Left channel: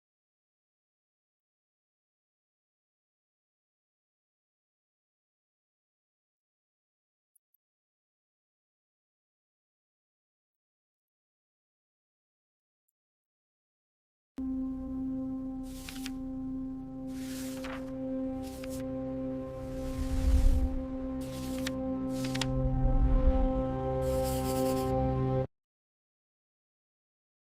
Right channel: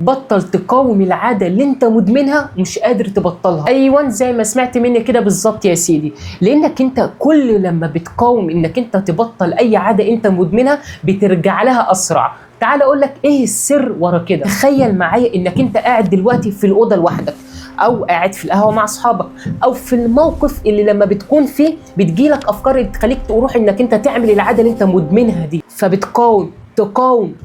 بطل تقاوم العاده اللي انت مدمنها ومش قادر تبطلها. ايوه زي ما سمعت مني كده بالظبط يا سيدي، لانك انت كل لما بتقاوم انك انت تبطل اي عاده انت مدمنها بترجع لها اسرع. تعال اقول لك ايه السر ورا كده. تخيل معايا انك انت قاعد دلوقتي في الاوضه لوحدك، او قاعد في القهوه مع اصحابك، او في الموقف اللي لما بتكون فيه بتجيلك افكار اللي تخليك تروح انك انت تعمل العاده اللي انت مدمنها دي، فبتقاوم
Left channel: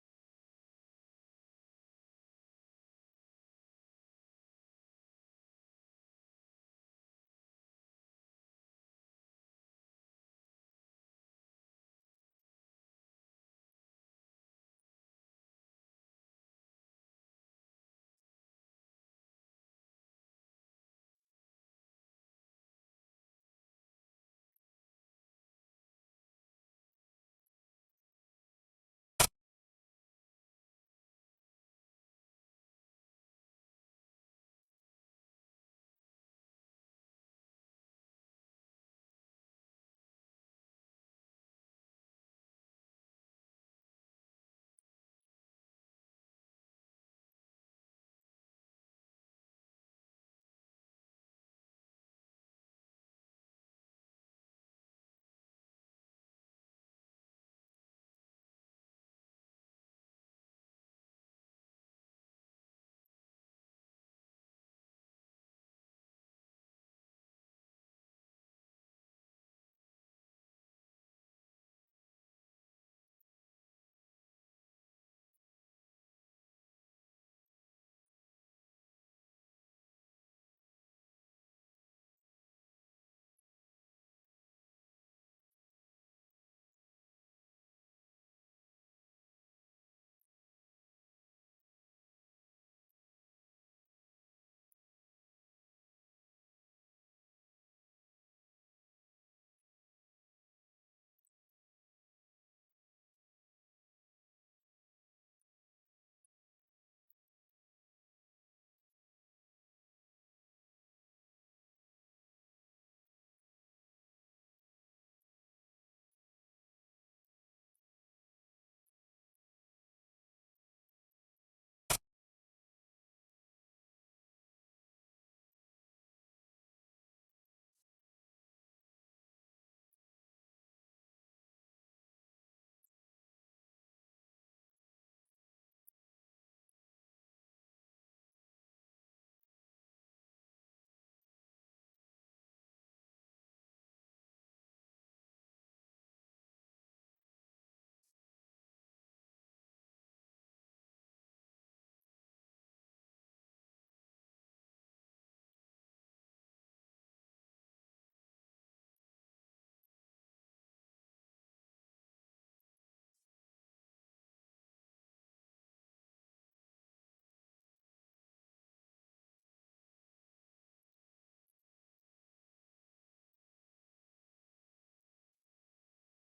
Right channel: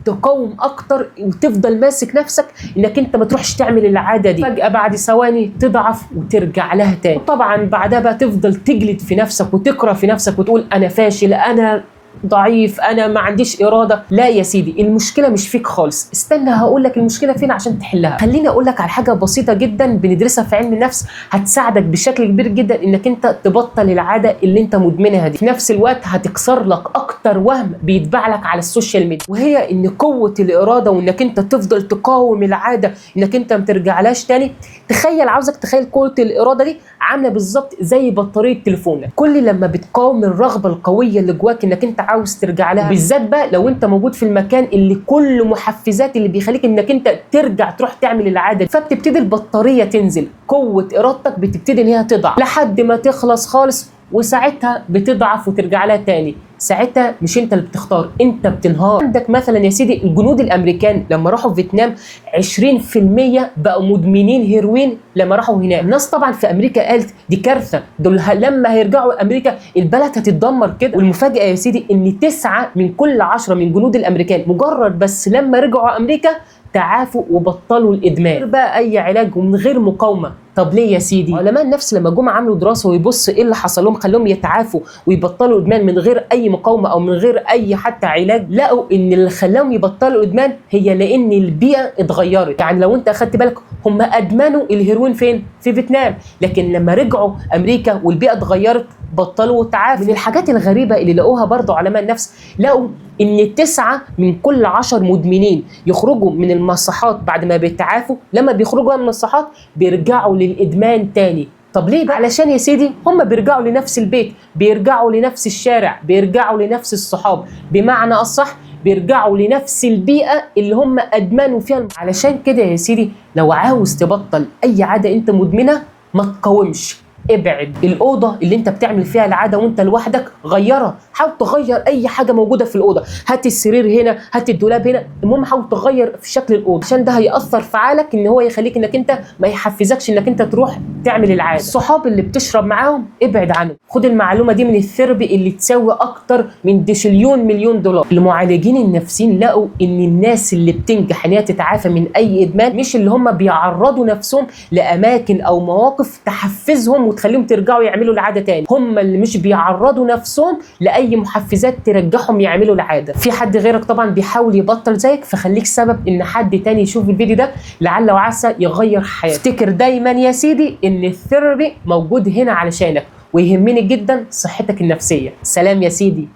تقاوم اكتر وتفضل ماسك نفسك انك انت ما تروحش تعمل العاده دي. فجاه بعد ثواني تضعف وترجع لها تاني، وطبعا بعدها بقى تفضل تجلد في نفسك وتكره في نفسك وتقول انا فاشل، انا ضعيف، انا ما عنديش اراده. لا يا سيدي، المشكله مش فيك خالص. استنى هقول لك المشكله فين عشان تحلها. خليني اقول لك على حاجه بسيطه جدا بندرسها في علم النفس هتساعدك بشكل كبير جدا انك انت تبطل العاده اللي انت مدمنها دي. في نفس الوقت هتكسر لك اكتر وهم بيتباع لك على السوشيال ميديا، وهي ان قوه الاراده وانك انت تفضل تقاوم العاده انك انت ما ترجعلهاش تاني. تخيل، عاوزك تخيل قوه الاراده دي عامله بالظبط زي بطاريه تليفونك. كل لما بتقاوم الرغبه القويه اللي جواك انك انت عاوز ترجع لها، بالذات بقى لو انت موجود في المكان اللي كل محفزات اللي بيخليك انك انت ترجع تروح تعمل العاده، فبتبتدي البطاريه تنزل، قوه ارادتك بتبتدي ان هي تضعف لحد ما تخلص خالص، وساعتها بتضعف وترجع لها تاني. ساعتها مش انت اللي بتختار، انت بتنهار. عندك مثلا يا سيدي الجنود الامريكان لما راحوا فيتنام 20% بقوا مدمنين هيروين لما راحوا هناك. الناس طبعا في امريكا قالت دي كارثه، دول لما هيرجعوا امريكا البلد هتتدمر كده. والمفاجاه يا سيدي ان 9 من كل 10 من جنود الامريكان مجرد بس لما رجعوا امريكا تعافوا وبطلوا الادمان من غير بقى اي علاج ومن غير مقاومه. طب ليه يا سيدي؟ علماء النفس لما جم عملوا دراسه ويبصوا ايه اللي حصل لهم خلوهم يتعافوا ويبطلوا ادمان من غير اي مقاومه او من غير اي حتى علاج، لقوا ان اللي خلاهم يبطلوا ادمان هي لان البيئه اتغيرت. يعني لو انت اخدت بالك هم ادمنوا الهيروين فين؟ في فيتنام، لكن لما رجعوا امريكا والبيئه اتغيرت بطلوا وتعافوا. من الحاجات الغريبه اللي لقوها برضو علماء النفس، لقوا ان 9 من كل 10 مدمنين يخرجوا من المصحات بعد ما بيتعافوا، لما بيخرجوا من المصحات بيرجعوا للادمان تاني. طب ليه بقى؟ علشان يا سيدي هم بيرجعوا لنفس البيت، بيرجعوا لنفس الشارع، بيرجعوا لنفس الصحاب، بمعنى اصح بيرجعوا لنفس البيئه اللي هم ادمنوا فيها. علشان كده يا سيدي لو عاوز تبطل اي عاده انت مدمنها ما تقاومش، ابعد. الاوضه اللي انت بتعمل فيها العاده وانت لوحدك غيرها، حاول تغير اي حاجه موجوده في الاوضه، هات السرير هنا، هات الدولاب هنا، المهم حاول تغير في شكل الاوضه عشان ده هياثر في عقلك ان هو يخليك انك انت ما يحفزكش انك انت تروح تعمل العاده. الصحاب اللي بتشرب معاهم ابعد عنهم. خد المعلومه دي من الثيرابي اللي تساوي اكتر من ديشليون مليون دولار. المعالجين النفسيين لقوا ان الناس اللي بتنجح ان هي تتعافى من اي ادمان مش اللي هم بيعرضوا نفسهم لاماكن او مواقف تحفزهم وتخليهم ترجعوا يعملوا العاده تاني، هم اللي مش بيعرضوا نفسهم لاي محفزات ترجعهم يعملوا العاده. في حد غيرك طبعا بيحاول يبطل زيك، فخليك سبب ان حد تاني يشوف الفيديو ده لعل وعسى يغير حياته. افتكر دايما يا سيدي ان الثيرابي موجود هنا علشانك، ويهمني جدا صحتك النفسيه. سلام يا سيدي.